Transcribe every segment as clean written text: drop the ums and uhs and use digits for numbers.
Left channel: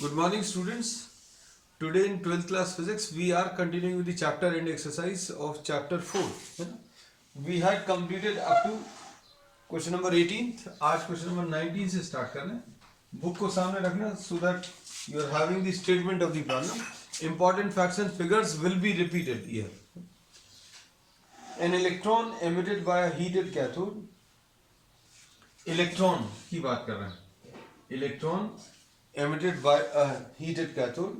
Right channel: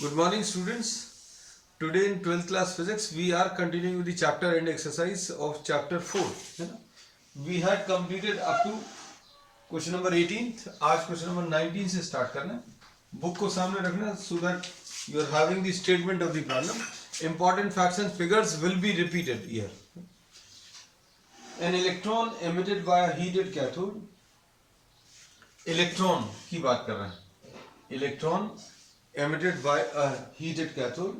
Good morning, students. Today in 12th class physics, we are continuing with the chapter and exercise of chapter 4. है ना? We had completed up to question number 18th. आज question number 19 से start करना है. Book को सामने रखना so that you are having the statement of the problem. Important facts and figures will be repeated here. An electron emitted by a heated cathode. Electron की बात कर रहे हैं. Electron emitted by a heated cathode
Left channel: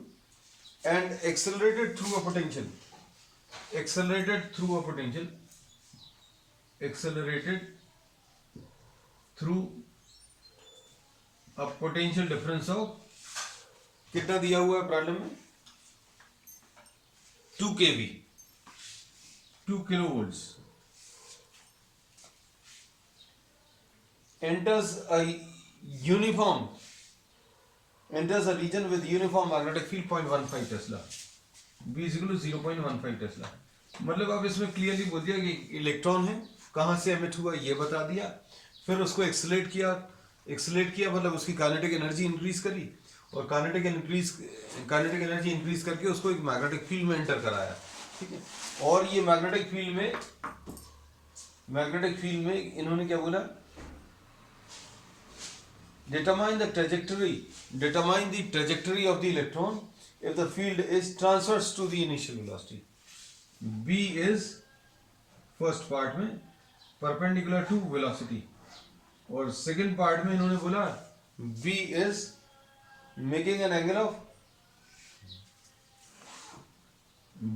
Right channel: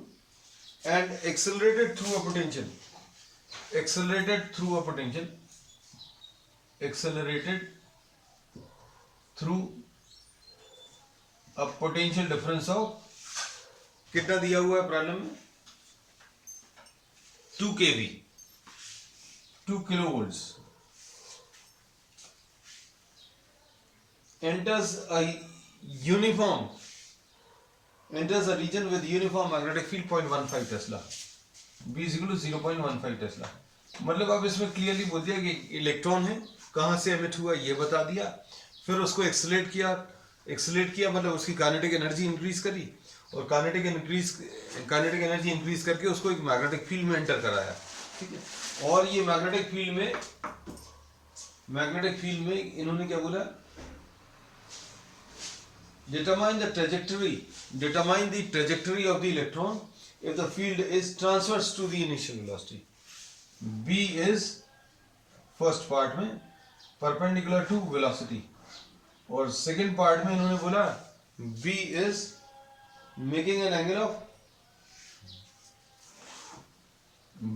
and accelerated through a potential accelerated through a potential difference of कितना दिया हुआ है problem में 2 kV 2 kilovolts enters a region with uniform magnetic field 0.15 Tesla. B is equal to 0.15 Tesla. मतलब अब इसमें clearly बोल दिया कि इलेक्ट्रॉन है कहाँ से एमिट हुआ ये बता दिया, फिर उसको एक्सेलरेट किया मतलब उसकी काइनेटिक एनर्जी इंक्रीज करी और काइनेटिक एनर्जी इंक्रीज करके उसको एक मैग्नेटिक फील्ड में एंटर कराया. ठीक है, और ये मैग्नेटिक फील्ड में इन्होंने क्या बोला, determine the trajectory of the electron if the field is transverse to the initial velocity. B is first part में perpendicular to velocity और second part में इन्होंने बोला B is making an angle of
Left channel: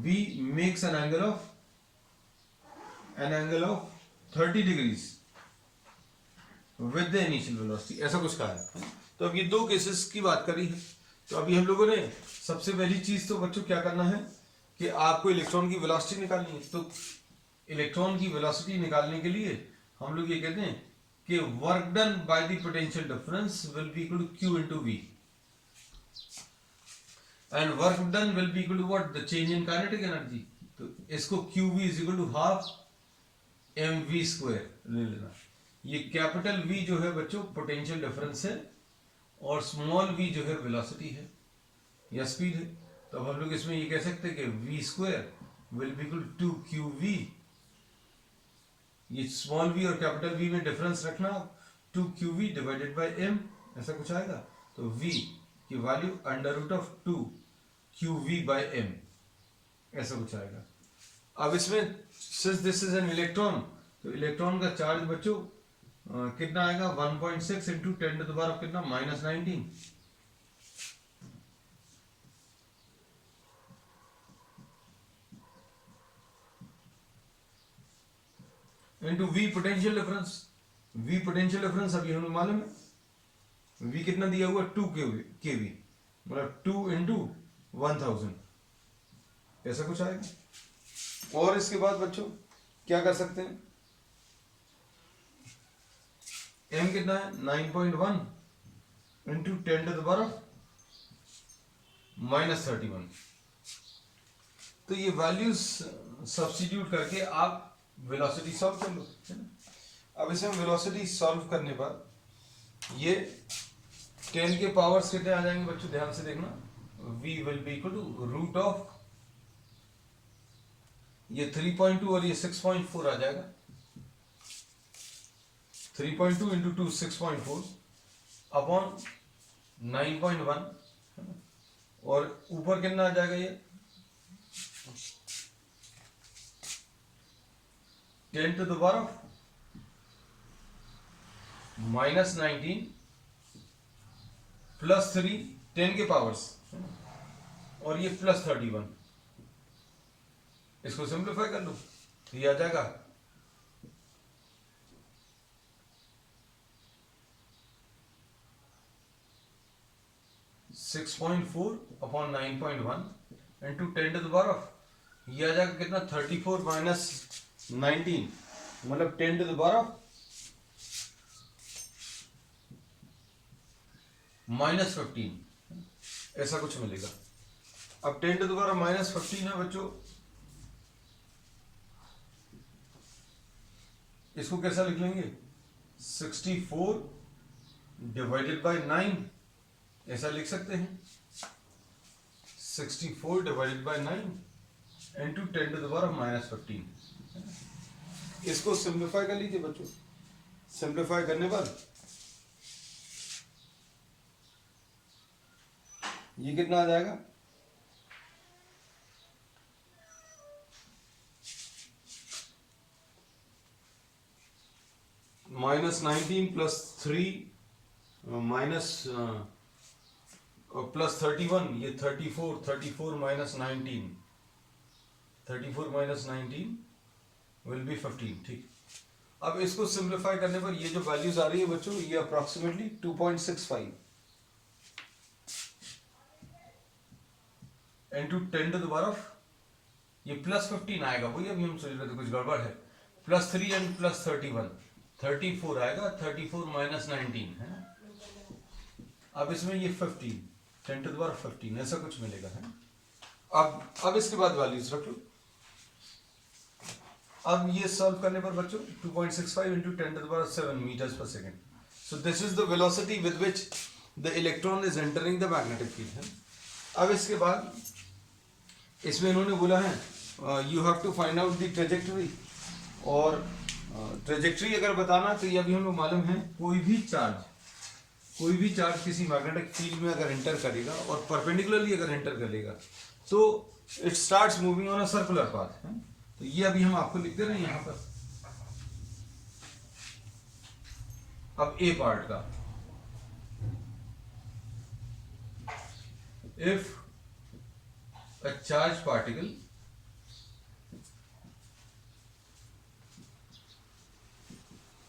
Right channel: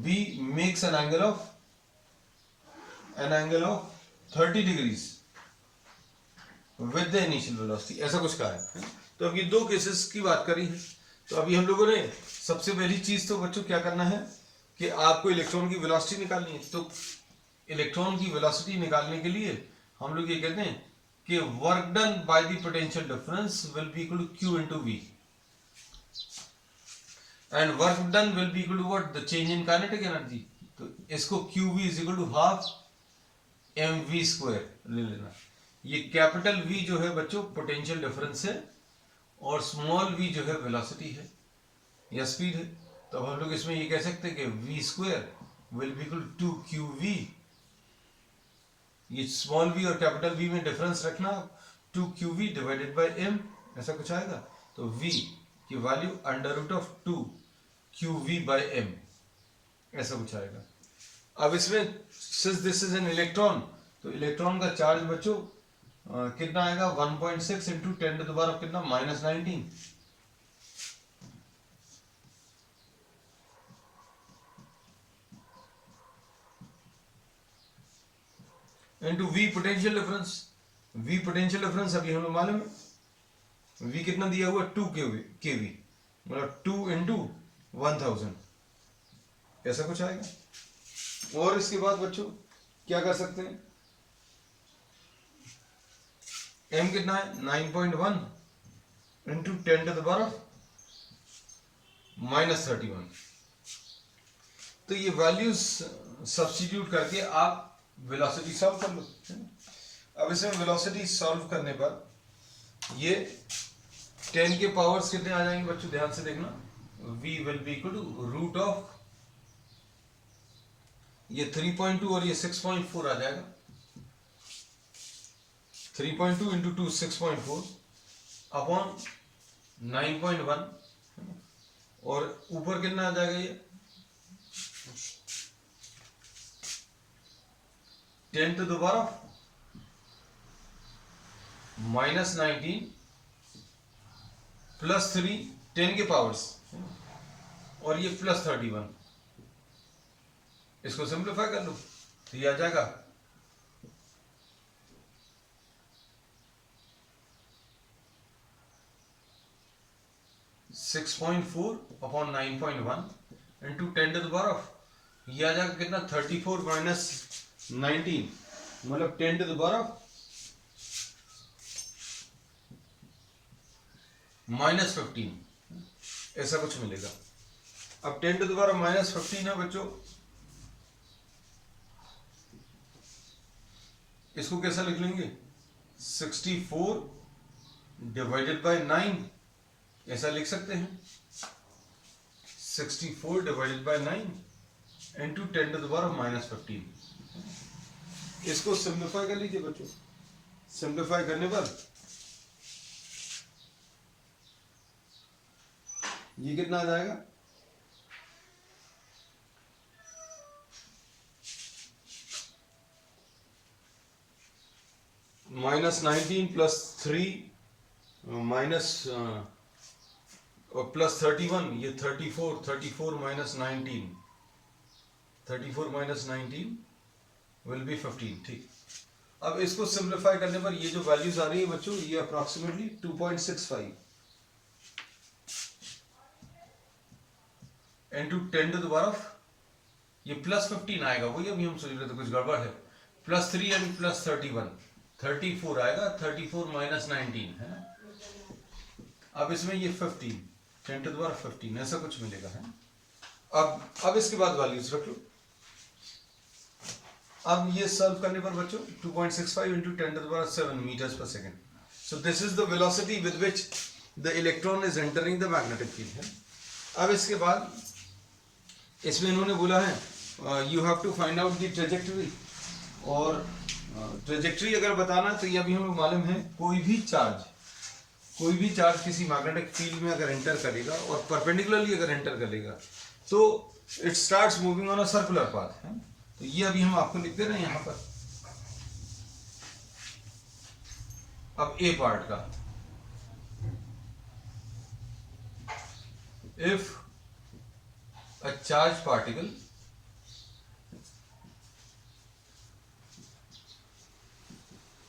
B makes an angle of 30 degrees with the initial velocity, ऐसा कुछ कहा है. तो अब ये दो केसेस की बात करी है. तो अभी हम लोगों ने सबसे पहली चीज तो बच्चों क्या करना है कि आपको इलेक्ट्रॉन की वेलोसिटी निकालनी है. तो इलेक्ट्रॉन की वेलोसिटी निकालने के लिए हम लोग ये कहते हैं कि work done by the potential difference will be equal to Q into V and work done will be equal to what, the change in kinetic energy. तो इसको QV is equal to half mv square ले लेना. ये capital V जो है बच्चों potential difference है और स्मॉल v जो है वेलोसिटी है या स्पीड है. तो अब हम लोग इसमें ये कह सकते हैं कि v square will be equal to 2qv. ये स्मॉल v और कैपिटल V में डिफरेंस रखना, 2qv डिवाइडेड बाय m, ऐसा कुछ आएगा. तो v की value under root of 2qv by m, ऐसा कुछ आएगा. अब इसमें since this is an electron, तो इलेक्ट्रॉन का चार्ज बच्चों कितना आएगा 1.6 into 10 to the power of कितना -19 इंटू V पोटेंशियल डिफरेंस. अभी हमें मालूम है V कितना दिया हुआ 2 kV मतलब 2 इंटू 1000, ऐसा कुछ आएगा. और इसके बाद बच्चों क्या कर सकते हैं, m कितना है 9.1 into 10 to the power of -31. तो ये वैल्यूज सब्स्टिट्यूट करके आप वेलोसिटी सॉल्व कर लो. अब इसमें वेलोसिटी सॉल्व करने पर ये 10 के पावर्स कितने आ जाएंगे बच्चों, ध्यान से देखना. v will be equal to root of ये 3.2 और ये 6.4 आ जाएगा. 3.2 इंटू 2 6.4 अपॉन 9.1 और ऊपर कितना आ जाएगा ये 10 to the power of -19 plus 3 10 के पावर्स और ये प्लस 31. इसको सिंप्लीफाई कर लो तो ये आ जाएगा 6.4 upon 9.1 into 10 to the power of, ये आ जाएगा कितना 34 माइनस 19 मतलब 10 टू द पावर ऑफ -15, ऐसा कुछ मिलेगा. अब 10 टू द पावर -15 है बच्चों, इसको कैसा लिख लेंगे 64 डिवाइडेड बाय 9 ऐसा लिख सकते हैं 64 डिवाइडेड बाय 9 इंटू 10⁻⁻15। इसको सिंप्लीफाई कर लीजिए बच्चों। सिंप्लीफाई करने पर ये कितना आ जाएगा, -19 +3 माइनस +31, ये 34 -19, 34 -19 विल बी 15। ठीक, अब इसको सिंप्लीफाई करने पर ये जो वैल्यूज आ रही है बच्चों, ये अप्रोक्सीमेटली 2.65 इंटू 10⁻, ये +15 आएगा, वही अभी हम सोच रहे थे कुछ गड़बड़ है। +3 एंड +31 34 आएगा, 34 -19 है ना। अब इसमें ये 15 10⁻15 ऐसा कुछ मिलेगा है ना। अब इसके बाद वैल्यूज रख लो। अब ये सॉल्व करने पर बच्चों 2.65 into 10⁻7 metres per second. So this is the velocity with which the electron is entering the magnetic field है। अब इसके बाद इसमें इन्होंने बोला है you have to find out the trajectory, और ट्रेजेक्टरी अगर बताना तो ये अभी हमें मालूम है, कोई भी चार्ज किसी मैग्नेटिक फील्ड में अगर एंटर करेगा और परपेंडिकुलरली अगर एंटर करेगा तो it starts moving on a circular path है। तो ये अभी हम आपको लिख दे रहे हैं यहां पर। अब ए पार्ट का, if a charged particle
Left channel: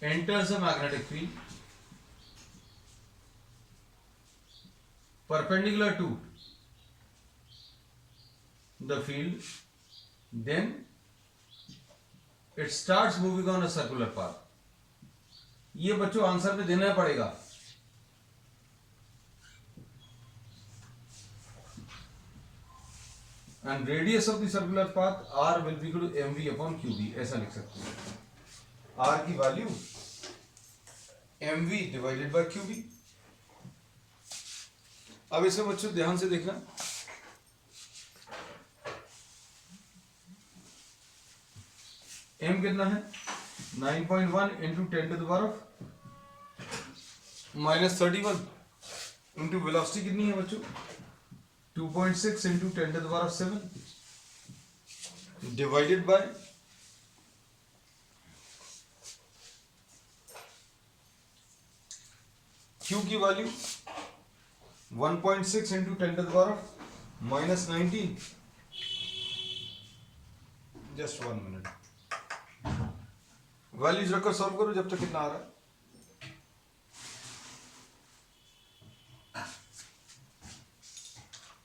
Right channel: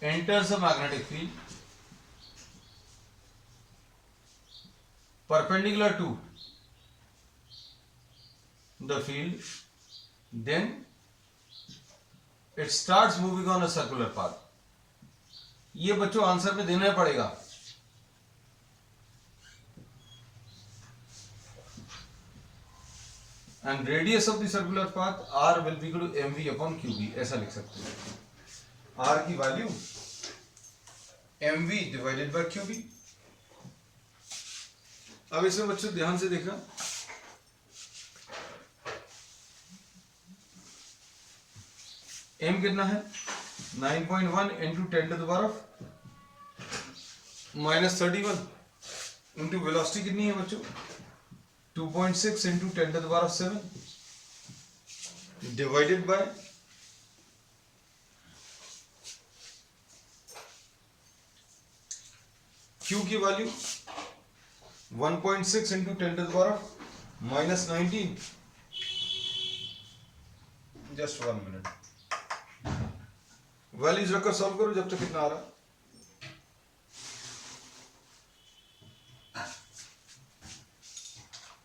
enters a magnetic field perpendicular to the field, then it starts moving on a circular path। ये बच्चों आंसर में देना पड़ेगा। And radius of the circular path r will be equal to mv upon qv, ऐसा लिख सकते हैं। r की value mv divided by qv। अब इसमें बच्चों ध्यान से देखना, m कितना है 9.1 इंटू 10⁻⁻31 इंटू वेलोसिटी कितनी है बच्चों 2.6 इंटू 10⁻7 डिवाइडेड बाय Q की value 1.6 into 10⁻⁻19। Just 1 minute, values रखकर सॉल्व करो जब तक कितना आ रहा है।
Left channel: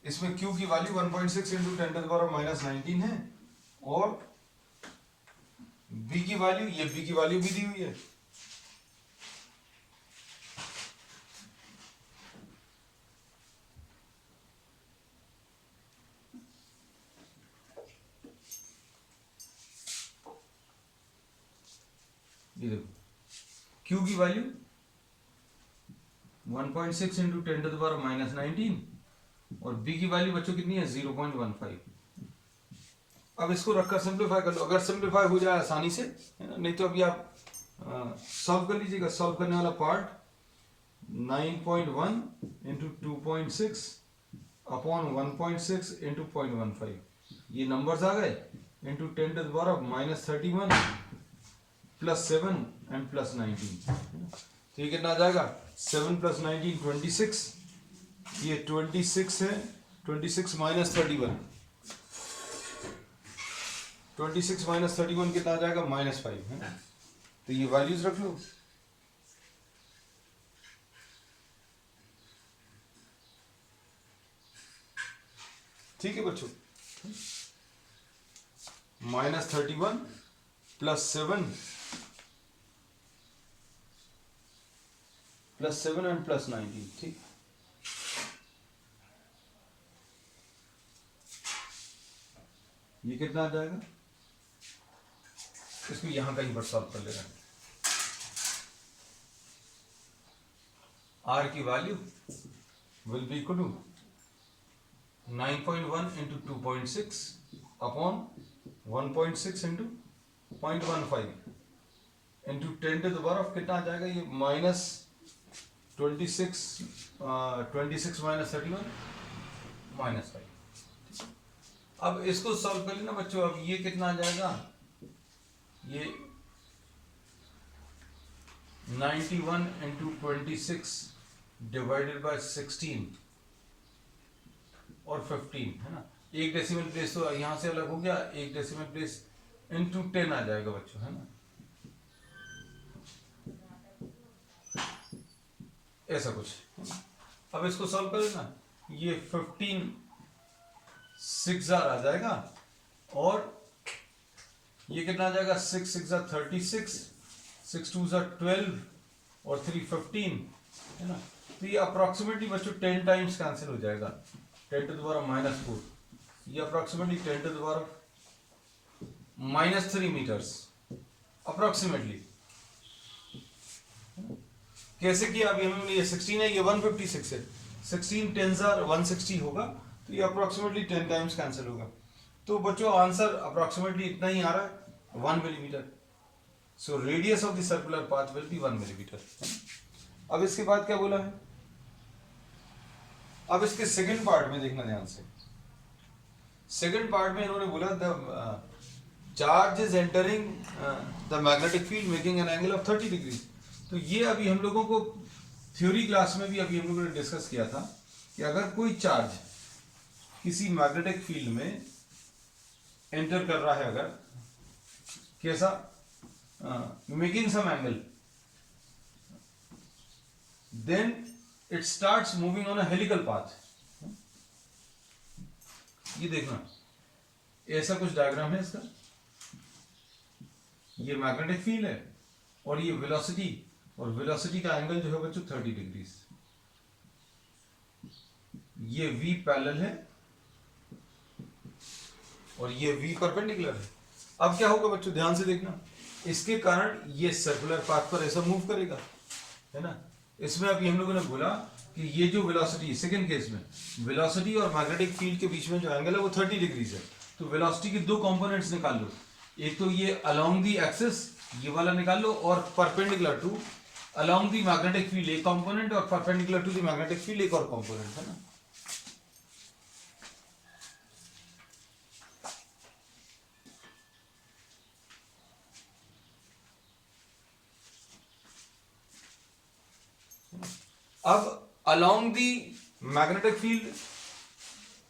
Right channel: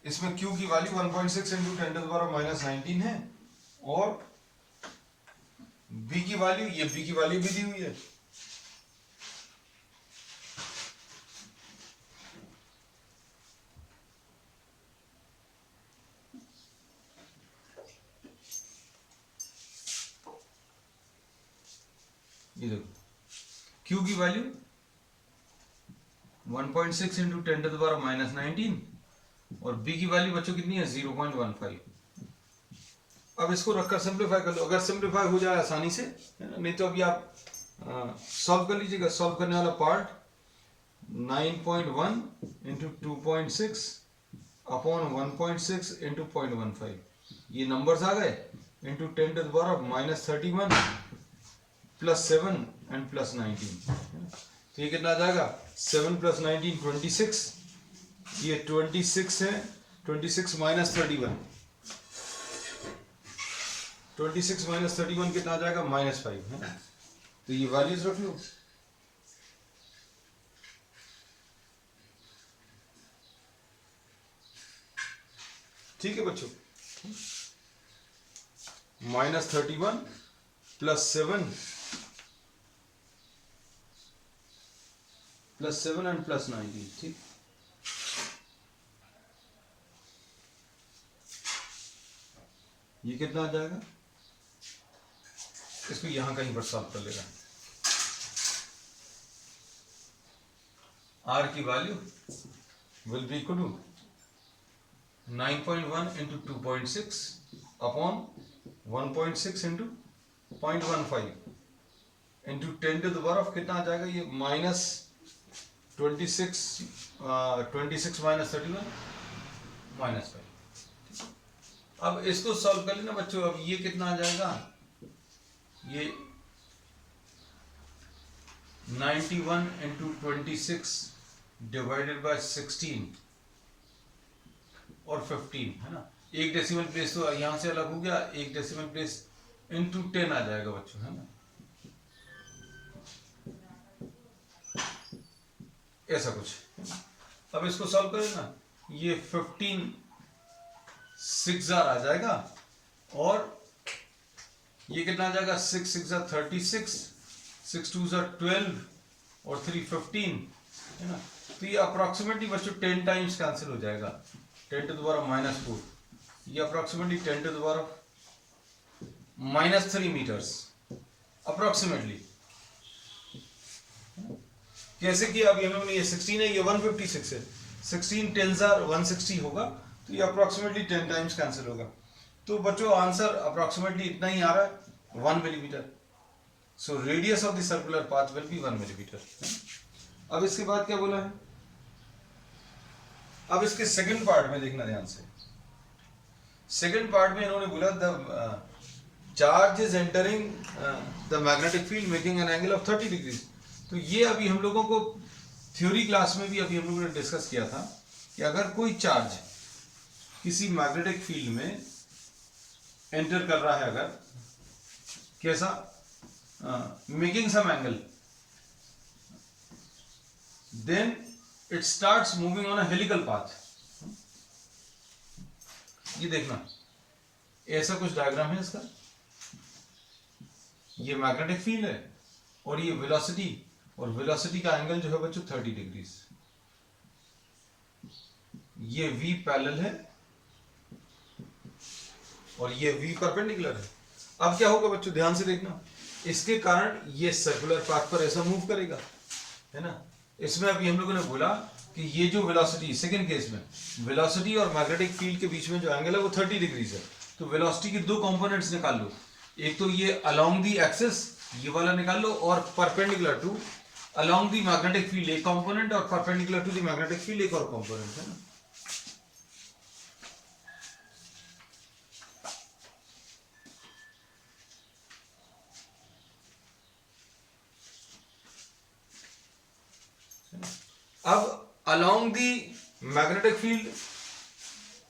इसमें Q की वैल्यू 1.6 इंटू 10⁻⁻19 है, और B की वैल्यू, ये B की वैल्यू भी दी हुई है। ये देखो Q की वैल्यू 1.6 इंटू 10⁻⁻19 और B की वैल्यू बच्चों कितनी है 0.15। अब इसको रखकर सिंप्लीफाई कर लो, अगर सिंप्लीफाई हो जाए आसानी से, नहीं तो अभी आप सॉल्व कर लीजिएगा। सॉल्व करने वाला पार्ट 9.1 इंटू 2.6 अपॉन 1.6 इंटू 0.15, ये नंबर्स आ गए, इंटू 10⁻⁻31 +7 एंड +19, तो ये कितना आ जाएगा 7 + 19 26, ये 26 है, 26 - 31, 26 - 31 कितना आ जाएगा -5 है। तो ये वैल्यूज रख लो। ठीक है बच्चों, -31 +7 एंड +19, ठीक। ये कितना आ जाएगा, इसको यहां कहीं पर सॉल्व कर लेगा। R की value will be equal to 9.1 into 2.6 upon 1.6 into 0.15 into 10 to the power of कितना आ जाएगा ये माइनस 26 26 माइनस 31 माइनस 5। अब इसको सॉल्व कर लेना बच्चों। अब ये कितना आ जाएगा, ये 91 into 26 डिवाइडेड बाय 16 और 15 है ना। एक डेसिमल प्लेस तो यहां से अलग हो गया, एक डेसिमल प्लेस इंटू 10 आ जाएगा बच्चों, है ना। ऐसा कुछ। अब इसको सॉल्व करें ना, ये 15 6 आ जाएगा और ये कितना आ जाएगा 6 6 36 6 2 12 और 3 15 है ना। तो ये अप्रोक्सीमेटली बच्चों 10 टाइम्स कैंसिल हो जाएगा, 10 to the power of -4। ये approximately 10 to the power of -3 metres approximately. कैसे किया, अभी हमें ये 16 है, ये 156 है, 16 10s are 160 होगा, तो ये अप्रोक्सीमेटली 10 टाइम्स कैंसिल होगा। तो बच्चों आंसर अप्रोक्सीमेटली इतना ही आ रहा है, 1 millimetre. So radius of the circular path will be 1 millimetre. अब इसके बाद क्या बोला है, अब इसके सेकंड पार्ट में देखना ध्यान से। सेकंड पार्ट में इन्होंने बोला the charge is entering the magnetic field making an angle of 30 degree. तो ये अभी हम लोगों को थ्योरी क्लास में भी अभी हम लोगों ने डिस्कस किया था कि अगर कोई चार्ज किसी मैग्नेटिक फील्ड में एंटर कर रहा है, अगर कैसा making some angle, then it starts moving on a helical path. ये देखना, ऐसा कुछ डायग्राम है इसका। ये मैग्नेटिक फील्ड है और ये वेलोसिटी, और वेलोसिटी का एंगल जो है बच्चों 30 डिग्री। ये v पैरेलल है और ये v परपेंडिकुलर है। अब क्या होगा बच्चों, ध्यान से देखना, इसके कारण ये सर्कुलर पाथ पर ऐसा मूव करेगा, है ना। इसमें अभी हम लोगों ने बोला कि ये जो वेलोसिटी, सेकंड केस में वेलोसिटी और मैग्नेटिक फील्ड के बीच में जो एंगल है वो 30 डिग्री है। तो वेलोसिटी के दो कंपोनेंट्स निकाल लो, एक तो ये अलोंग दी एक्सिस ये वाला निकाल लो, और perpendicular to along the magnetic field एक कंपोनेंट, और perpendicular to the magnetic field एक और कंपोनेंट, है ना। अब अलोंग दी मैग्नेटिक फील्ड,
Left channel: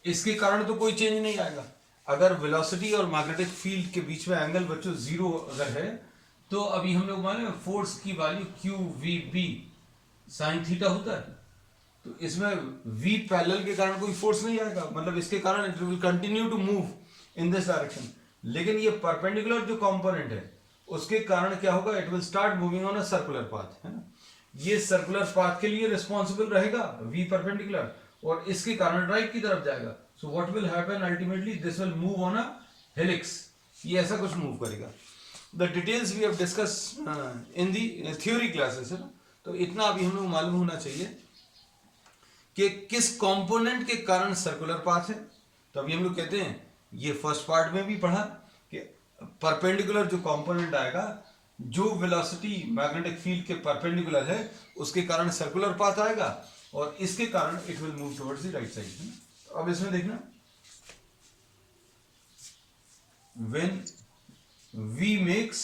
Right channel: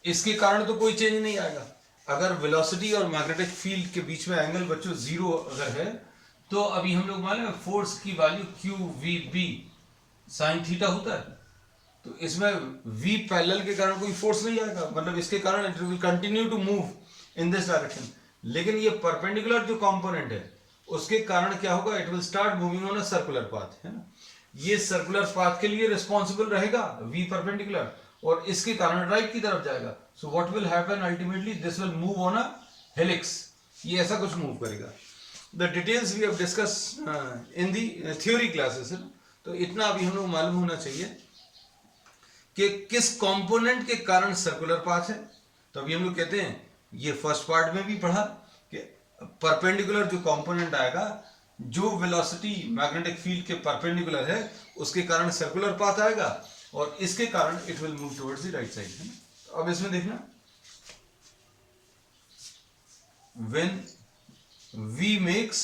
इसके कारण तो कोई चेंज नहीं आएगा। अगर वेलोसिटी और मैग्नेटिक फील्ड के बीच में एंगल बच्चों 0 अगर है, तो अभी हम लोग मालूम है फोर्स की वैल्यू QVB साइन थीटा होता है। तो इसमें V पैरेलल के कारण कोई फोर्स नहीं आएगा, मतलब इसके कारण it will continue to move in this direction. लेकिन ये परपेंडिकुलर जो कंपोनेंट है उसके कारण क्या होगा, it will start moving on a circular path, है ना। ये सर्कुलर पाथ के लिए रिस्पॉन्सिबल रहेगा V परपेंडिकुलर, और इसके कारण राइट की तरफ जाएगा। So what will happen ultimately, this will move on a helix. ये ऐसा कुछ मूव करेगा। The details we have discuss in the theory classes, है ना। तो इतना अभी हम लोग मालूम होना चाहिए कि किस कंपोनेंट के कारण सर्कुलर पाथ है। तो अभी हम लोग कहते हैं, ये फर्स्ट पार्ट में भी पढ़ा कि परपेंडिकुलर जो कंपोनेंट आएगा, जो वेलोसिटी मैग्नेटिक फील्ड के परपेंडिकुलर है उसके कारण सर्कुलर पाथ आएगा, और इसके कारण it will move towards the right side, है ना। तो अब इसमें देखना, when V makes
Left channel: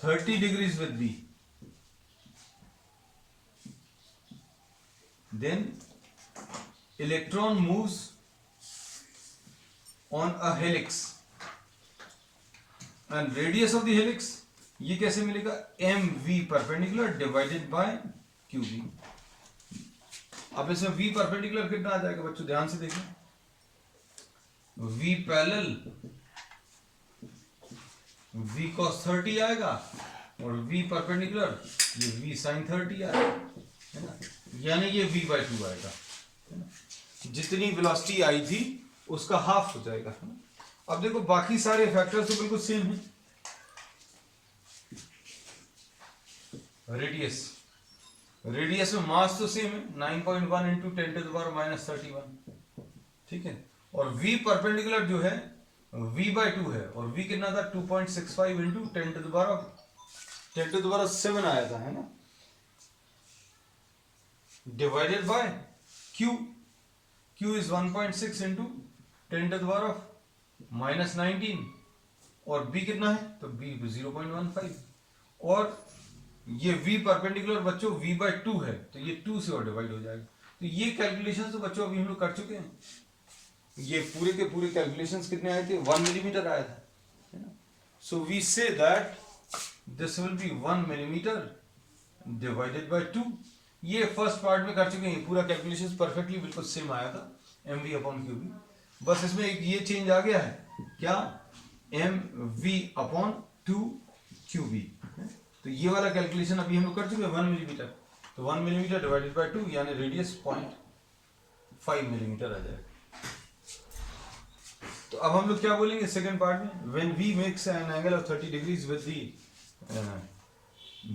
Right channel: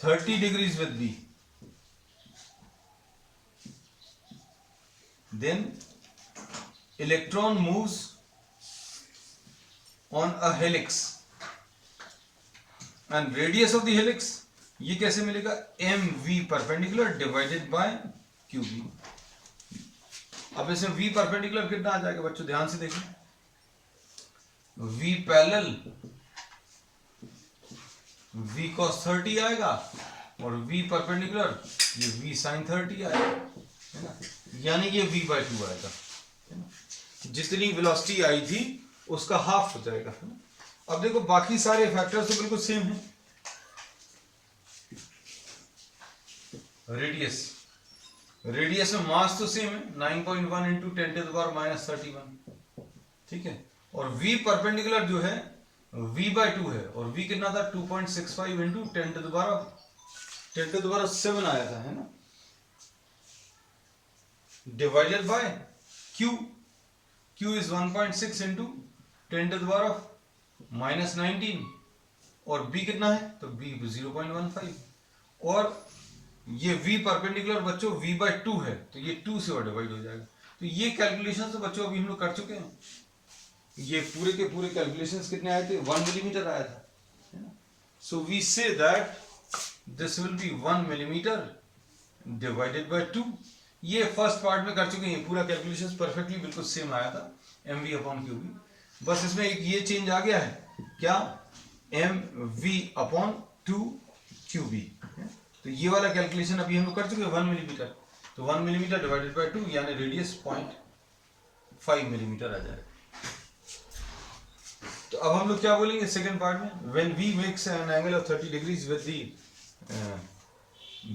30 degrees with B, then electron moves on a helix, and radius of the helix ये कैसे मिलेगा, MV perpendicular divided by QB। अब इसमें V perpendicular कितना आ जाएगा बच्चों, ध्यान से देखना, V पैरेलल V cos 30 आएगा, और V परपेंडिकुलर ये V sin 30 आएगा, है ना। यानी ये V/2 आएगा, है ना। जितनी वेलोसिटी आई थी उसका हाफ हो जाएगा, है ना। अब देखो बाकी सारे फैक्टर्स तो बिल्कुल सेम है। रेडियस रेडियस में मास तो सेम है 9.1 इंटू 10⁻⁻31, ठीक है। और v परपेंडिकुलर जो है v/2 है, और v कितना था 2.65 इंटू 10⁻7 आया था, है ना, divided by q is 1.6 into 10⁻⁻19, और b कितना है, तो b 0.15, और ये v परपेंडिकुलर बच्चों v/2 है, तो ये 2 से और डिवाइड हो जाएगा। तो ये कैलकुलेशन तो बच्चों अभी हम लोग कर चुके हैं। ये पूरे के पूरे कैलकुलेशंस कितने आए थे, 1 मिलीमीटर आया था, है ना। So we say that this will be 1 millimetre divided by 2। ये फर्स्ट पार्ट में कर चुके हैं, पूरा कैलकुलेशन परफेक्टली बिल्कुल सेम आया था mv/qb, बस इसमें एक ये चेंज आ गया है, क्या, mv/2qb। तो ये वाला कैलकुलेशन अभी हम लोग कर चुके हैं 1 मिलीमीटर, तो 1 मिलीमीटर डिवाइडेड बाय 2 यानी रेडियस 0.5 मिलीमीटर आ जाएगा। तो अब हम लोग क्या बोलेंगे सेकंड पार्ट में, when v makes an angle of 30 degrees with the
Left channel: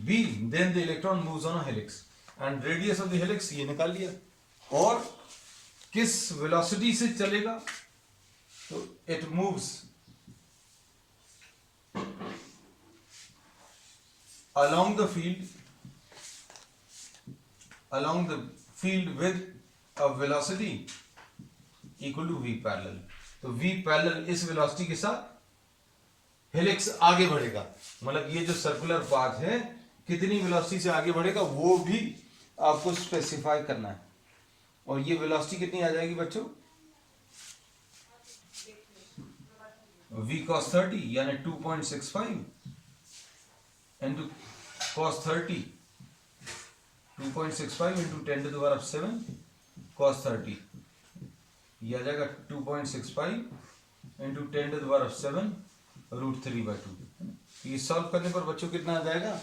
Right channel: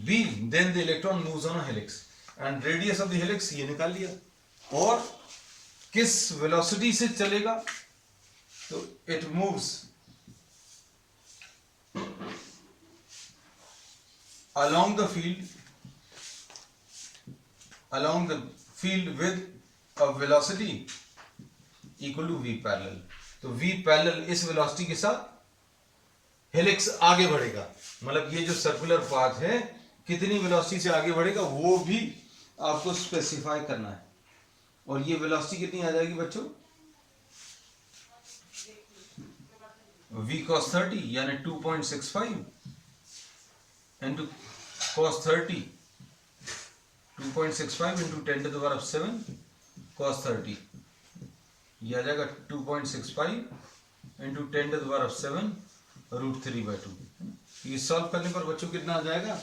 beam then the electron moves on a helix and radius of the helix ये निकाल लिया, और किस वेलोसिटी से चलेगा, तो it moves along the field with a velocity equal to v parallel। तो v parallel इस वेलोसिटी के साथ हेलिक्स आगे बढ़ेगा, मतलब ये जो सर्कुलर पाथ है कितनी वेलोसिटी से आगे बढ़ेगा वो भी आपको स्पेसिफाई करना है। और ये वेलोसिटी कितनी आ जाएगी बच्चों, v cos 30 यानी 2.65 into cos 30, 2.65 into 10⁻7 cos 30, ये आ जाएगा 2.65 into 10⁻7 √3/2। ये सॉल्व करने पर बच्चों कितना आ जाएगा,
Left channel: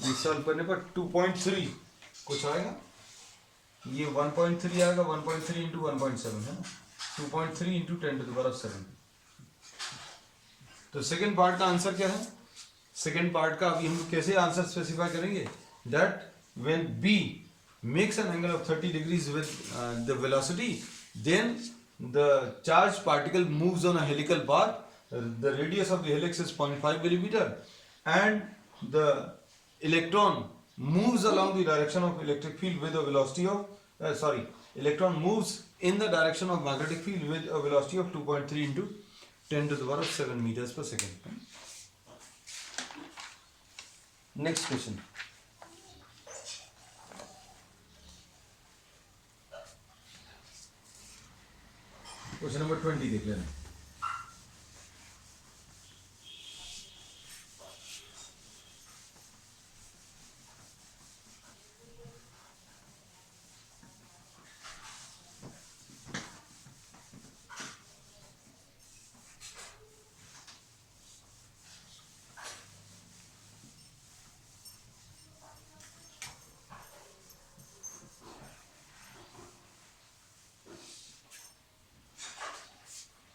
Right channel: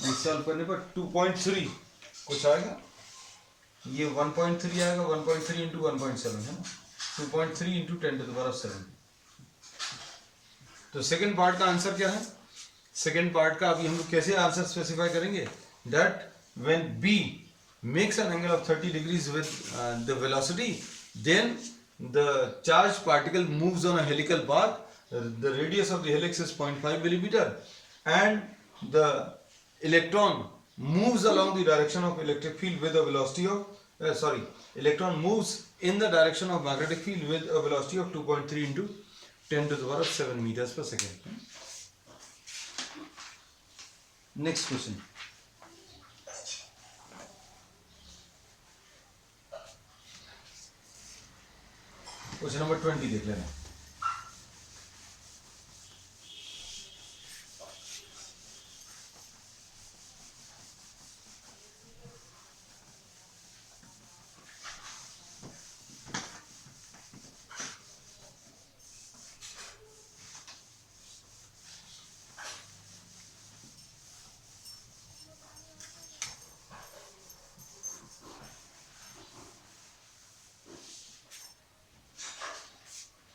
ये सॉल्व करने पर 2.3 कुछ आएगा, ये 1.3 आएगा, 1.3 into 1.7 है ना, 2.3 into 10⁻7। तो सेकेंड पार्ट का आंसर क्या है, सेकेंड पार्ट का अभी हम लोग कैसे आंसर स्पेसिफाई करेंगे, that when b makes an angle of 30 degrees with the velocity then the charge particle moves on a helical path, the radius of the helix is 0.5 millimetre and the electron moves along the direction of electric field with a velocity of electron moves in the direction of magnetic field with a velocity of 2.3 into 10⁻7 meters per second। Next question, question number 20 देख लेना।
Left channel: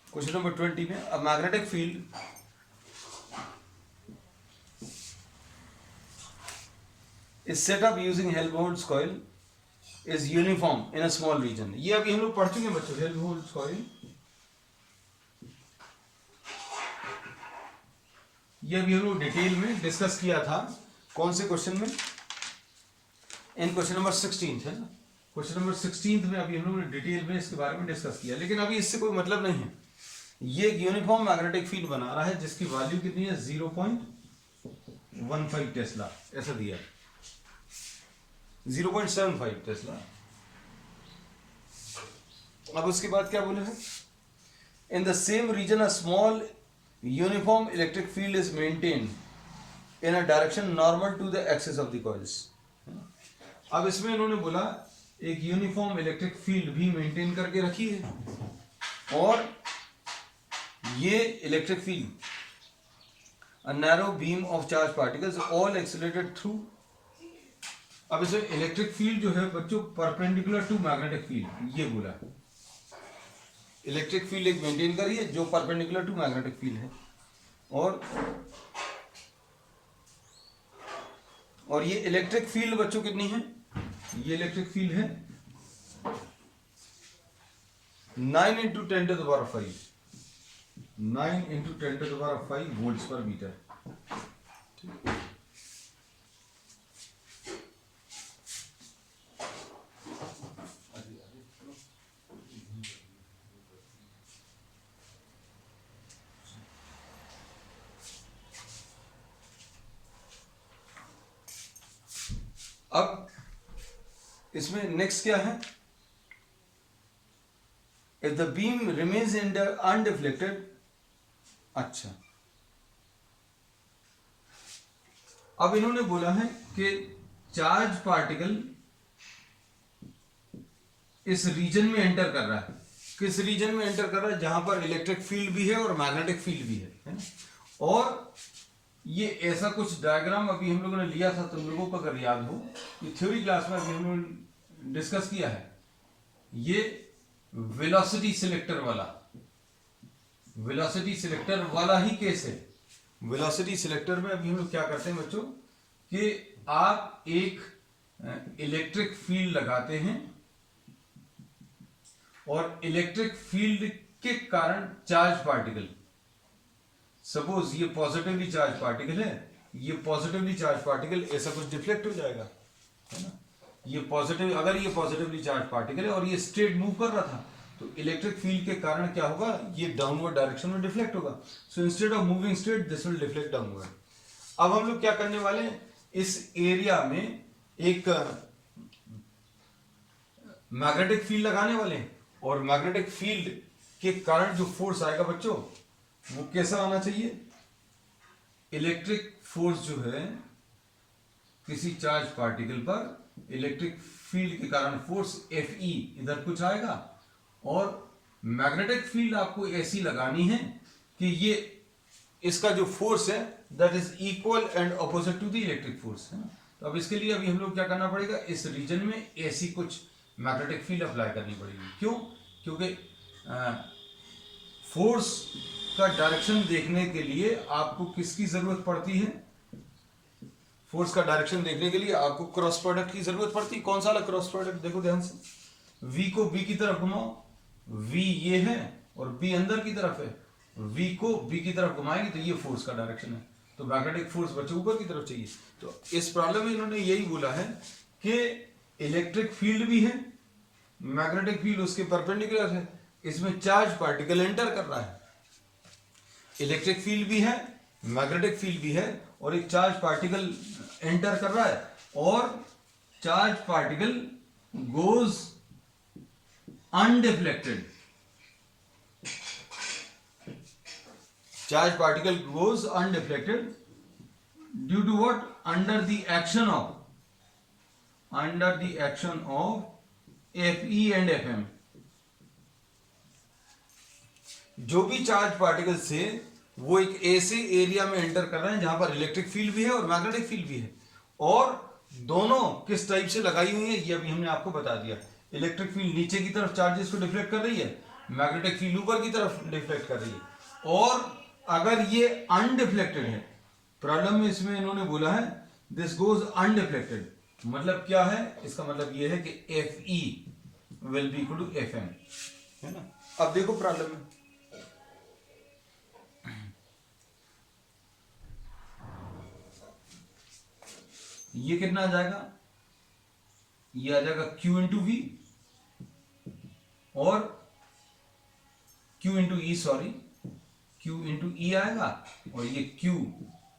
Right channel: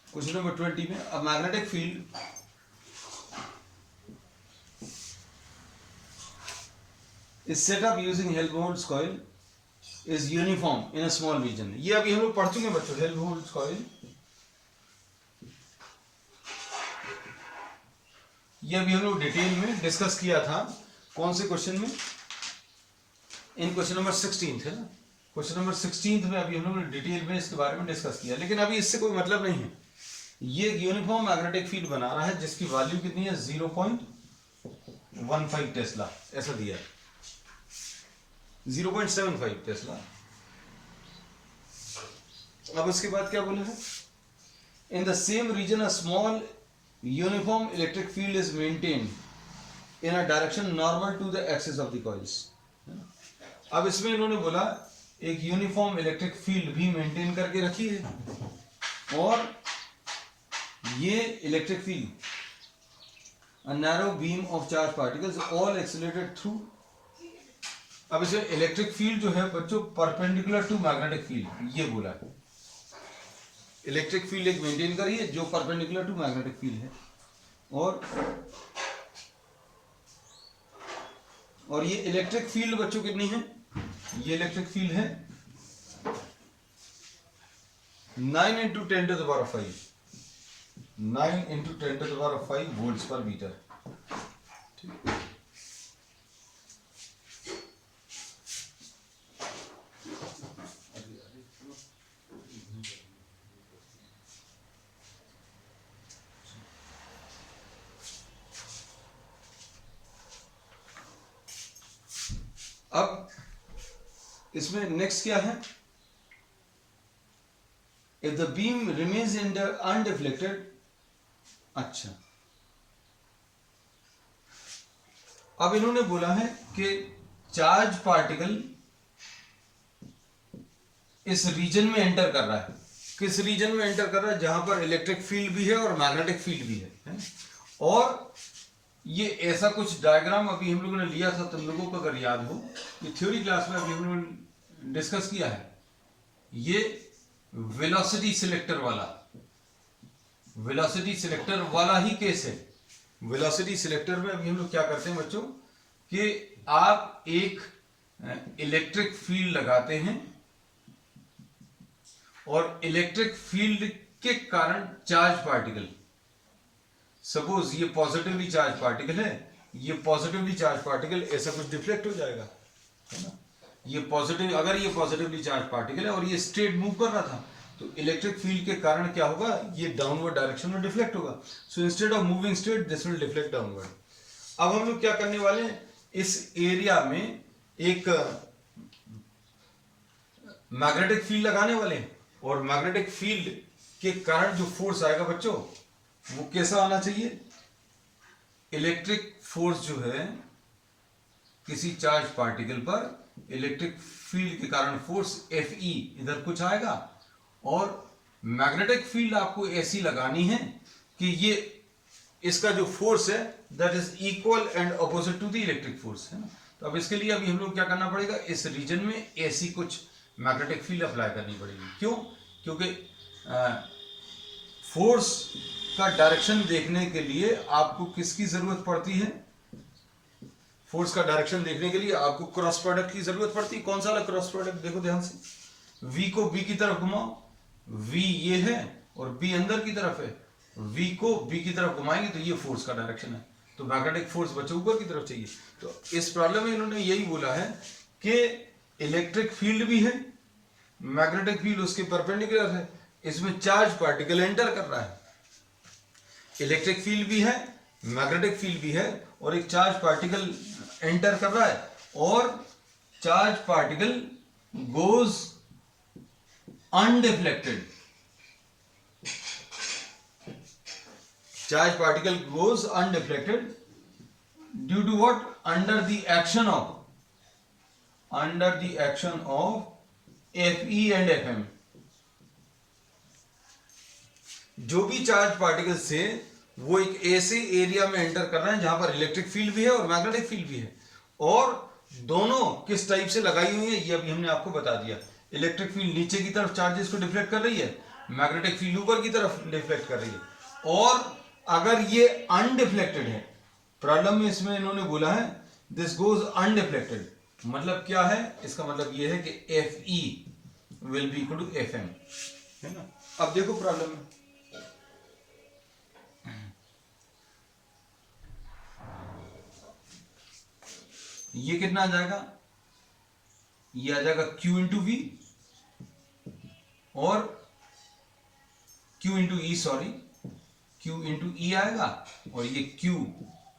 Question number 20 में, a magnetic field is set up using Helmholtz coil is uniform in a small region. ये अभी हम लोग पढ़ चुके हैं बच्चों, हेल्महोल्ट्ज कॉइल, ये अभी हम लोग डिटेल में डिस्कस किया था। कौन से क्वेश्चन में, इन क्वेश्चन नंबर 16 है ना, क्वेश्चन नंबर 16 में अभी हम लोग ने डिटेल में इसके बारे में डिस्कस किया, लेकिन अभी इससे कोई मतलब नहीं है। ये यूनिफॉर्म मैग्नेटिक फील्ड बना रहा है जिसकी वैल्यू कितनी है 0.15 टेस्ला, ऐसा दिया 0.75 टेस्ला। अब उसके बाद क्या बोले हैं, in the same region a small uniform electric field is maintained in a direction normal to the axis of the coils. अब इसमें इन्होंने बोला एक यूनिफॉर्म इलेक्ट्रिक फील्ड भी मेंटेन करके रखी है, और ये electric field a narrow beam of charged particles all accelerated through। अब इसे इलेक्ट्रिक फील्ड जो है बच्चों परपेंडिकुलर टू मैग्नेटिक फील्ड, ये बोला है इलेक्ट्रिक फील्ड एक मेंटेन करी है जो परपेंडिकुलर टू मैग्नेटिक फील्ड है, और और ये इलेक्ट्रिक फील्ड बच्चों कितनी है, ये इलेक्ट्रिक फील्ड है 9 × 10⁵, 9 × 10⁵ वोल्ट्स पर मीटर। ठीक, अब इसमें नेक्स्ट क्या है, if the beam remains undeflected. अच्छा, अब इन्होंने बोला है कि चार्ज पार्टिकल इस रीजन में एंटर कर रहा है। किस रीजन में एंटर कर रहा है, जहां पर इलेक्ट्रिक फील्ड भी है और मैग्नेटिक फील्ड भी है ना? और ये ऐसा कुछ डायग्राम अभी हम लोगों ने लिया था, तुम लोगों को अगर याद हो, ये थ्योरी क्लास में अभी हम लोगों ने डिस्कस किया है। ये वेलोसिटी सिलेक्टर वाला ही केस है। वेलोसिटी सिलेक्टर में अभी हम लोग क्या करते हैं बच्चों, कि आप एक इलेक्ट्रिक फील्ड लगाते हैं और इलेक्ट्रिक फील्ड के कारण चार्ज पार्टिकल, सपोज ये पॉजिटिवली चार्ज पार्टिकल है, ये पॉजिटिवली चार्ज पार्टिकल ऐसा कुछ डिफ्लेक्ट हो जाएगा, है ना? ये पॉजिटिव, अगर ये पॉजिटिवली चार्ज पार्टिकल है और ये स्ट्रेट मूव कर रहा था, तो इलेक्ट्रिक फील्ड के कारण क्या होगा, ये डाउनवर्ड डायरेक्शन में डिफ्लेक्ट होगा। So instead of moving straight this will deflect downward. अब हम लोग क्या करने वाले हैं, इस एरिया में एक मैग्नेटिक फील्ड लगाने वाले हैं, और मैग्नेटिक फील्ड के कारण जो फोर्स आएगा बच्चों, वो कैसा आना चाहिए, इलेक्ट्रिक फोर्स जो है किसी चार्ज पार्टिकल पर, इलेक्ट्रिक फील्ड के कारण फोर्स Fe इधर कुछ आएगा, और मैग्नेटिक फील्ड आपको ऐसी लगानी है कि ये इसका जो फोर्स है that is equal and opposite to the electric force, है ना? तो अब इसके लिए अभी हम लोग क्या करना पड़ेगा, इस रीजन में ऐसी कुछ मैग्नेटिक फील्ड अप्लाई करनी पड़ेगी। क्यों? क्योंकि फोर्स का डायरेक्शन देखने के लिए आपको किसकी जरूरत पड़ती है, फोर्स का डायरेक्शन देखने के लिए आपको क्रॉस प्रोडक्ट की जरूरत पड़ती है। कौन सा वाला क्रॉस प्रोडक्ट, देखो ध्यान से, V को B की तरफ घुमाओ, V ये है और B अंदर की तरफ है, V को B की तरफ घुमाएंगे तो ये फोर्स का डायरेक्शन है, तो मैग्नेटिक फोर्स बच्चों ऊपर की तरफ चाहिए। तो इस प्रॉब्लम में इन्होंने यही बोला है कि इलेक्ट्रिक फील्ड भी है, मैग्नेटिक फील्ड उसके परपेंडिकुलर है, इसमें चार्ज पार्टिकल एंटर कर रहा है, इलेक्ट्रिक फील्ड भी है, मैग्नेटिक फील्ड भी है, और एक चार्ज पार्टिकल एंटर कर रहा है, और charge particle goes undeflected, charge particle goes undeflected due to what, under the action of Fe and Fm। जो भी चार्ज पार्टिकल्स थे वो एक ऐसे एरिया में एंटर कर रहे हैं जहां पर इलेक्ट्रिक फील्ड भी है और मैग्नेटिक फील्ड भी है, और दोनों किस टाइप से लगाई हुई है ये अभी हमने आपको बता दिया। इलेक्ट्रिक फील्ड नीचे की तरफ चार्जेस को डिफ्लेक्ट कर रही है, मैग्नेटिक फील्ड ऊपर की तरफ डिफ्लेक्ट कर रही है, और अगर ये अनडिफ्लेक्टेड है, प्रॉब्लम में इसमें इन्होंने बोला है दिस गोज अनडिफ्लेक्टेड, मतलब क्या है, इसका मतलब ये है कि Fe will be equal to Fm, है ना? अब देखो प्रॉब्लम में, ये कितना आ जाएगा, ये आ जाएगा Q इंटू वी और Q इंटू ई, सॉरी Q इंटू ई आएगा, और ये Q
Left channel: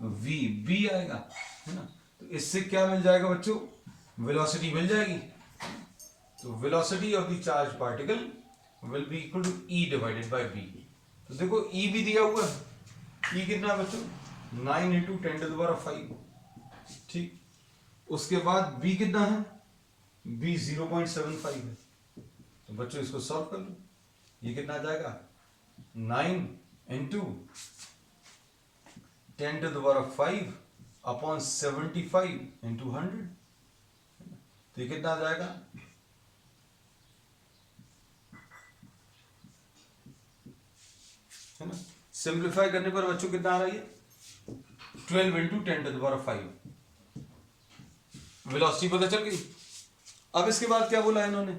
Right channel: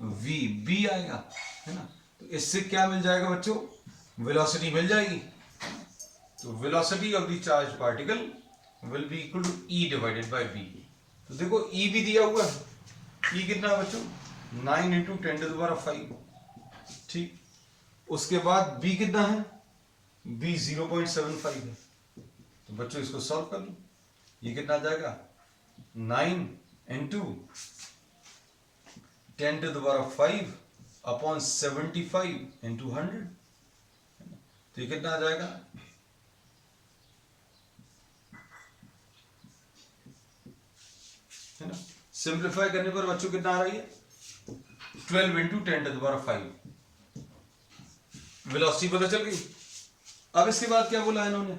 V B आएगा, है ना? तो इससे क्या मिल जाएगा बच्चों, वेलोसिटी मिल जाएगी। तो velocity of the charge particle will be equal to E divided by B। तो देखो E भी दिया हुआ है, E कितना है बच्चों, 9 × 10⁵, ठीक। उसके बाद B कितना है, B 0.75 है, तो बच्चों इसको सॉल्व कर लो, ये कितना आ जाएगा, 9 × 10⁵ अपॉन 75 × 100, तो ये कितना आ जाएगा, है ना? सिंप्लीफाई करने पर बच्चों कितना आ रही है, 12 × 10⁵, वेलोसिटी पता चल गई। अब इसके बाद क्या बोला इन्होंने,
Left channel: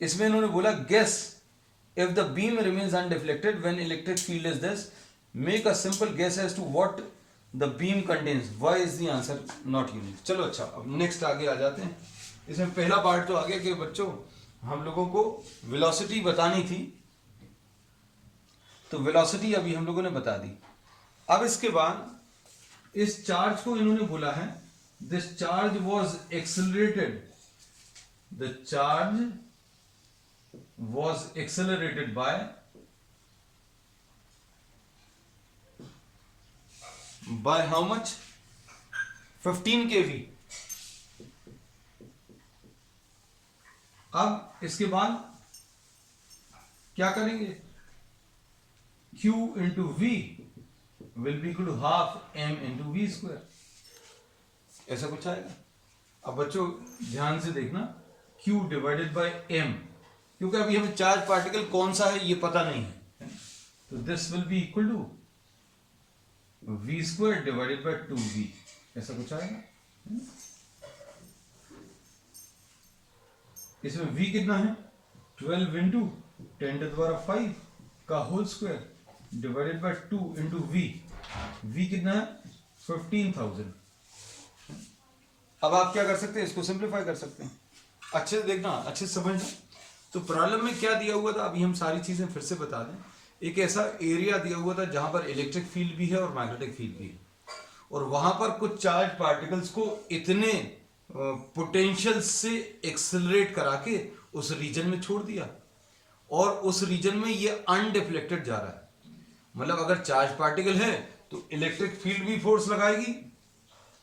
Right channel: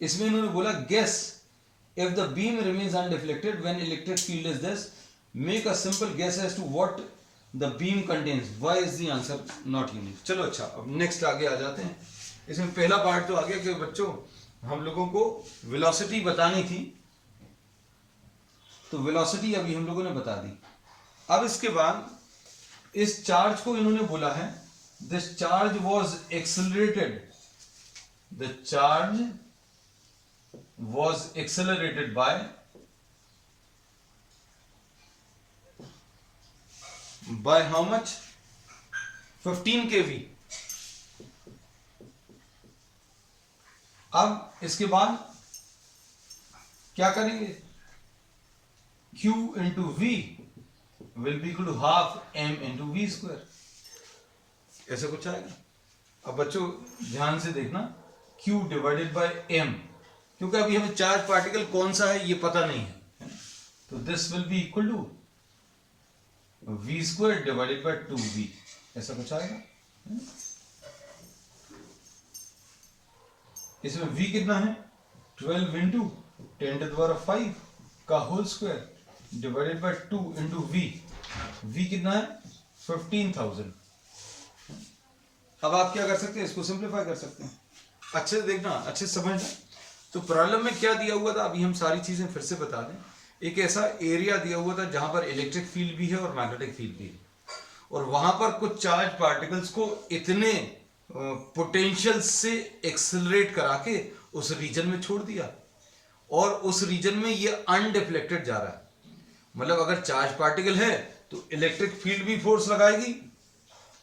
इसमें इन्होंने बोला guess if the beam remains undeflected when electric field is this, make a simple guess as to what the beam contains, why is the answer not unique. चलो अच्छा, अब नेक्स्ट आगे आ जाते हैं। इसमें पहला पार्ट तो आ गया कि बच्चों हम लोगों को वेलोसिटी बतानी थी, तो वेलोसिटी अभी हम लोगों ने बता दी। अब इसके बाद इस चार्ज को इन्होंने बोला है this charge was accelerated, the charge was accelerated by how much, 15 kV। अब इसके बाद क्या करेंगे, Q into V will be equal to half m into V square, ऐसा कुछ आएगा। अब बच्चों ध्यान से देखना, Q डिवाइडेड बाय m, क्योंकि अभी हमें चार्ज पार्टिकल कौन सा है ये पता नहीं है, तो this will be equal to v square divided by 2v, ऐसा कुछ आएगा। इसमें v कितना है, 12 इंटू 10⁵ का whole square divided by 2 into v कितना है 15,000। अब आप क्या कर सकते हैं, इसको सिंप्लीफाई कर सकते हैं। अच्छे से देखना, अच्छे से समझना। तो प्रॉब्लम में क्या दिया हुआ था, अभी हम सारी चीजें फिर से बता दें। एक ऐसा एरिया दिया हुआ था जहां पर इलेक्ट्रिक फील्ड भी है और मैग्नेटिक फील्ड भी है, और वहां पर कुछ चार्ज पार्टिकल्स को इतने पोटेंशियल से एक्सेलरेट करा के उस रीजन में छोड़ दिया, और उस रीजन में ये अनडिफ्लेक्टेड जा रहा है। मतलब अगर चार्ज पार्टिकल है तो इलेक्ट्रिक फील्ड भी फोर्स लगाएगी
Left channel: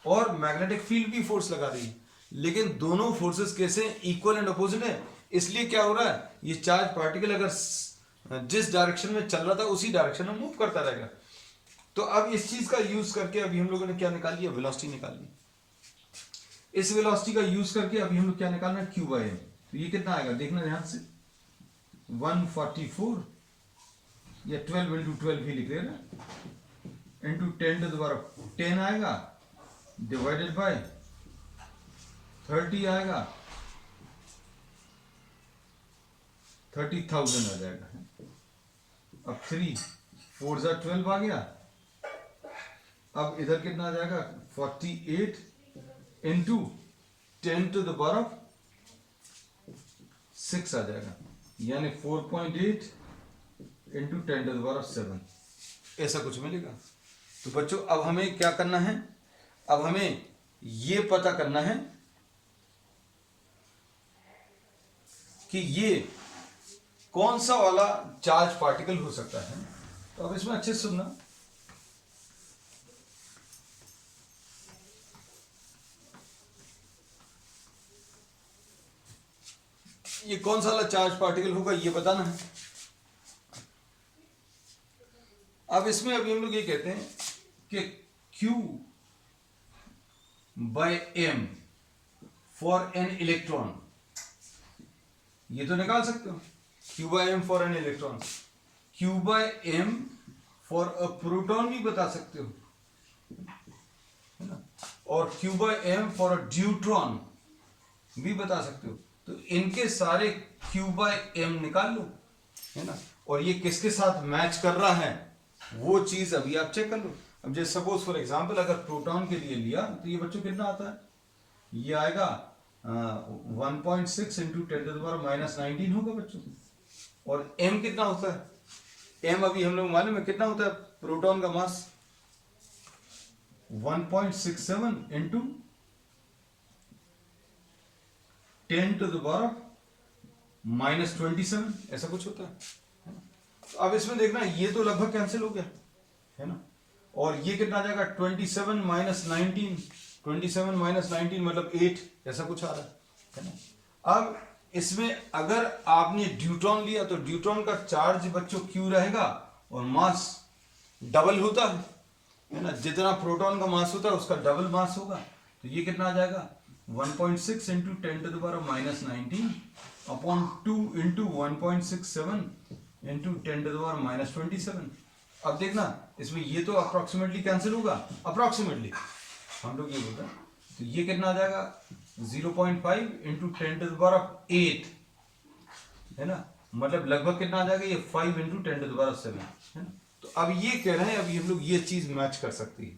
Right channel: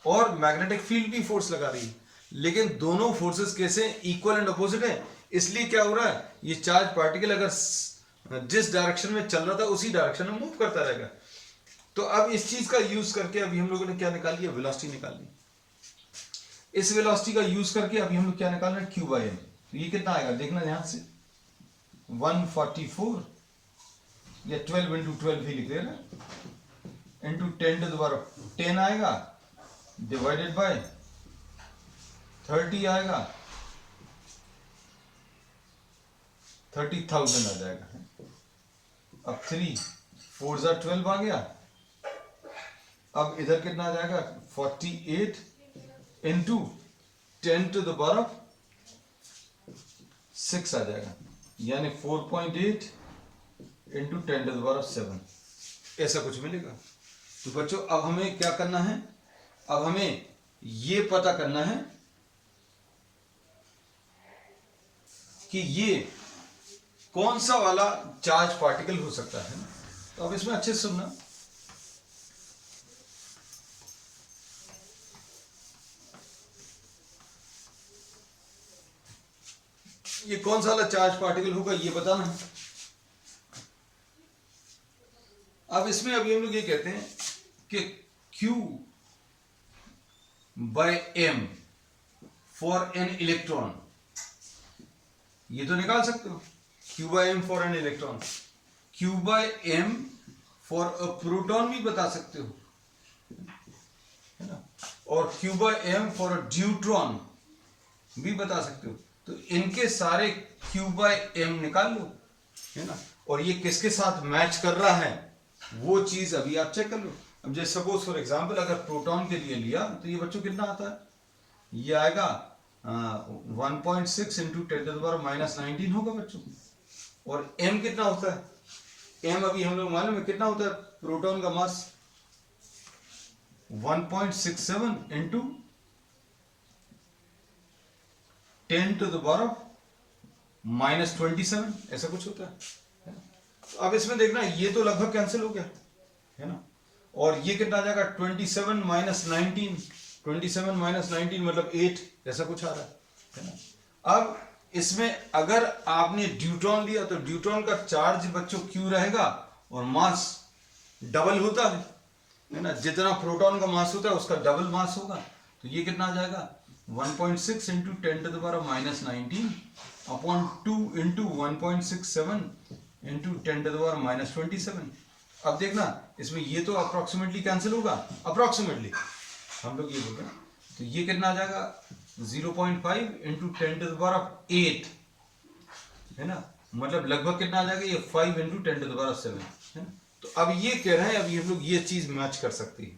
और मैग्नेटिक फील्ड भी फोर्स लगा रही है, लेकिन दोनों फोर्सेस कैसे इक्वल एंड अपोजिट है। इसलिए क्या हो रहा है, ये चार्ज पार्टिकल अगर जिस डायरेक्शन में चल रहा था उसी डायरेक्शन में मूव करता रहेगा। तो अब इस चीज का यूज करके अभी हम लोगों ने क्या निकाल लिया, वेलोसिटी निकाल ली। इस वेलोसिटी का यूज करके अभी हम लोग क्या निकाल रहे हैं, Q बाई m। तो ये कितना आएगा, देखना ध्यान से, 144 या 12 इंटू 12 भी लिख देना, इंटू 10⁻10 आएगा डिवाइडेड बाय 30 आएगा, 30,000 आ जाएगा। अब 3 4 जा 12 आ गया। अब इधर कितना आ जाएगा, 48 इंटू 10⁻6 आ जाएगा, यानी 4.8 इंटू 10⁻7, ऐसा कुछ मिलेगा। तो बच्चों अब हमें क्या करना है, अब हमें ये पता करना है कि ये कौन सा वाला चार्ज पार्टिकल हो सकता है। तो अब इसमें अच्छे से सुनना, ये कौन सा वाला चार्ज पार्टिकल होगा ये बताना है। अब इसमें अभी हम लोग ये कहते हैं कि Q by m for an electron, ये तो निकाल सकते हो, Q by m for an electron. Q by m for a proton भी बता सकते हो, है ना, और Q by m for a deuteron भी बता सकते हो। तो इनके सारे Q बाय m निकाल लो, है ना, और ये किसके साथ मैच कर रहा है वो चीज अभी आप चेक कर लो। अब जैसे सपोज फॉर एग्जांपल अगर प्रोटॉन के लिए लिया तो ये बच्चों कितना आता है, ये आएगा 1.6 इंटू 10⁻19 होगा बच्चों। और m कितना होता है, m अभी हम लोग मालूम है कितना होता है, प्रोटॉन का मास 1.67 इंटू 10⁻27, ऐसा कुछ होता है ना। तो अब इसमें देखना ये तो लगभग कैंसिल हो गया, है ना, और ये कितना आ जाएगा 27 - 19 मतलब 8, ऐसा कुछ आ रहा है ना। अब इसमें अगर आपने ड्यूट्रॉन लिया तो ड्यूट्रॉन का चार्ज बच्चों Q रहेगा और मास डबल होता है ना, जितना प्रोटॉन का मास होता है उसका डबल मास होगा। तो ये कितना आ जाएगा 1.6 इंटू 10⁻19 अपॉन 2 इंटू 1.67 इंटू 10⁻27। अब देखना इसमें ये तो अप्रोक्सीमेटली कैंसिल होगा, अप्रोक्सीमेटली, हम लोग ये बोल रहे हैं, तो ये कितना आ जाएगा 0.5 इंटू 10⁸ है ना, मतलब लगभग कितना आ जाएगा ये 5 इंटू 10⁷ है ना। तो अब ये कह रहे हैं, अभी हम लोग ये चीज मैच कर सकती है,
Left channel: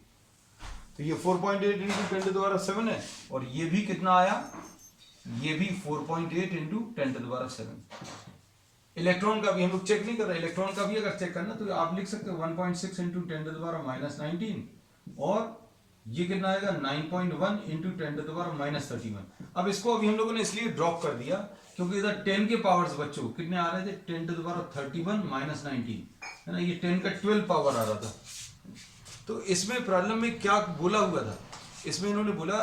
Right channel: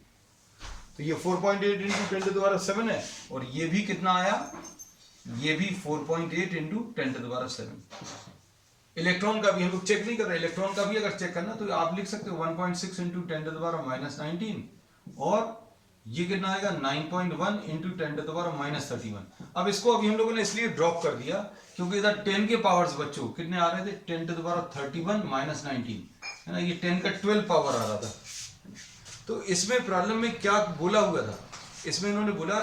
तो ये 4.8 इंटू 10⁷ है, और ये भी कितना आया, ये भी 4.8 इंटू 10⁷। इलेक्ट्रॉन का भी हम लोग चेक नहीं कर रहे, इलेक्ट्रॉन का भी अगर चेक करना तो आप लिख सकते हो 1.6 इंटू 10⁻⁻19, और ये कितना आएगा 9.1 इंटू 10⁻31। अब इसको अभी हम लोगों ने इसलिए ड्रॉप कर दिया क्योंकि इधर 10 के पावर्स बच्चों कितने आ रहे थे, 10⁻31 - 19 है ना, ये 10 का 12 पावर आ रहा था। तो इसमें प्रॉब्लम में क्या बोला हुआ था, इसमें इन्होंने बोला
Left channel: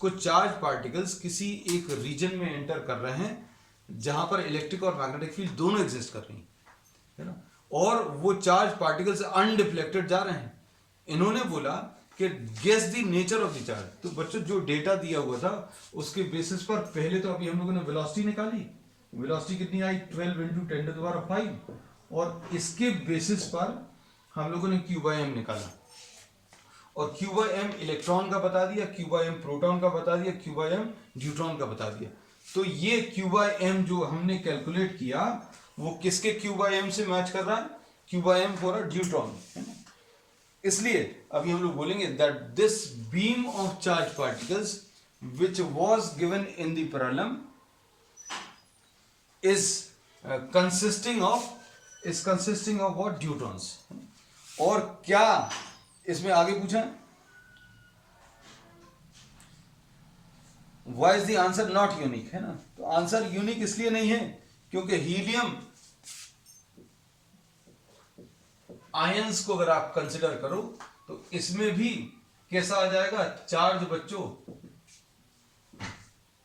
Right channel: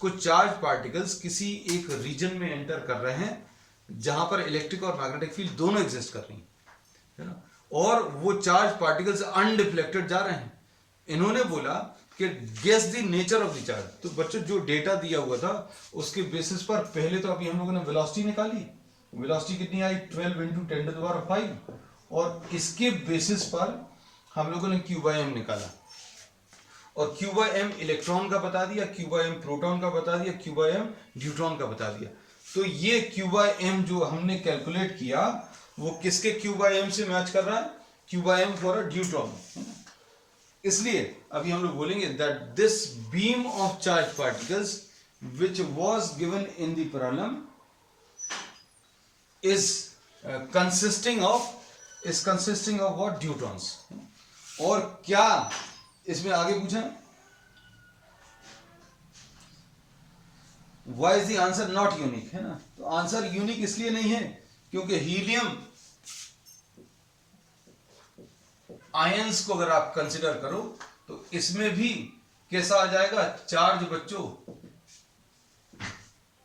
कुछ चार्ज पार्टिकल्स किसी एक रीजन में एंटर कर रहे हैं जहां पर इलेक्ट्रिक और मैग्नेटिक फील्ड दोनों एग्जिस्ट कर रही है ना, और वो चार्ज पार्टिकल्स अनडिफ्लेक्टेड जा रहे हैं। इन्होंने बोला कि guess the nature of the charge. तो बच्चों जो डेटा दिया हुआ था उसके बेसिस पर पहले तो अभी हम लोगों ने वेलोसिटी निकाली, वेलोसिटी कितनी आई 12 इंटू 10⁵, और इसके बेसिस पर हम लोगों ने Q/m निकाला, और Q/m इलेक्ट्रॉन का बता दिया, Q/m प्रोटॉन का बता दिया, Q/m न्यूट्रॉन का बता दिया। तो ये Q/m जो हमने कैलकुलेट किया वो किसके Q/m से मैच कर रहा है, Q/m फॉर अ ड्यूट्रॉन है ना। इसलिए अभी हम लोग बोलेंगे that this beam of charge particles which was given in the problem is consisting of what, deuterons. और क्या इसमें आगे पूछा, why is the answer not unique, है ना। तो आंसर यूनिक इसलिए नहीं है क्योंकि हीलियम आयंस को अगर आप कंसिडर करो तो इसमें भी कैसा आ जाएगा चार्ज बच्चों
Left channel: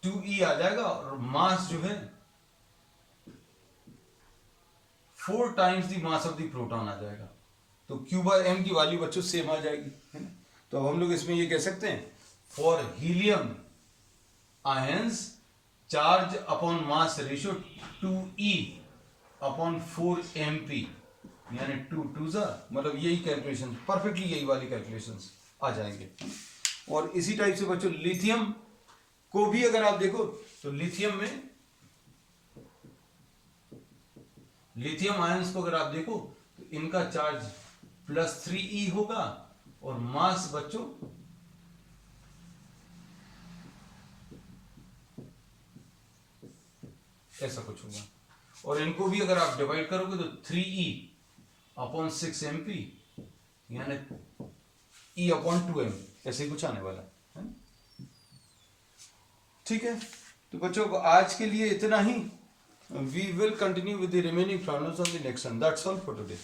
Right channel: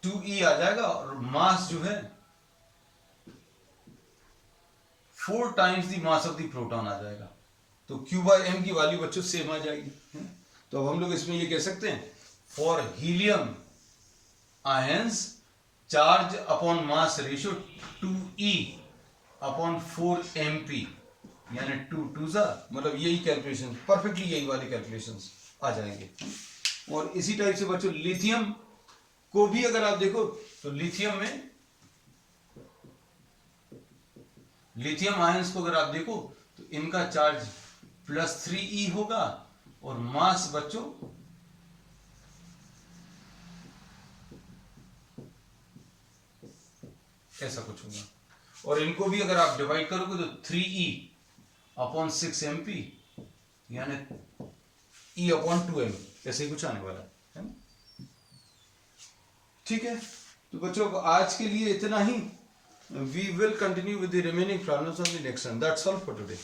2e आ जाएगा, और मास जो है 4 times the mass of the proton आ जाएगा। तो Q/m की वैल्यू बच्चों सेम आ जाएगी, है ना। तो अब हम लोग इसमें ये कह सकते हैं for helium ions charge upon mass ratio 2e upon 4 mp, यानी 2 2 मतलब यही कैलकुलेशन परफेक्टली यही वाली कैलकुलेशंस आ जाएंगे। और इसी टाइप से बच्चों लिथियम को भी अगर आप देखो तो लिथियम आयंस को अगर आप देखो तो इनका चार्ज +3e होगा, और मास बच्चों ऐसा कुछ होगा, और इनको भी अगर आप डिवाइड करोगे तो 3e अपॉन 6 mp यानी e अपॉन 2m, ऐसे ही कुछ आने वाला है ना। ठीक है, तो बच्चों आज के लिए इतना ही। We will continue with the remaining problems on the next one. That's all for today.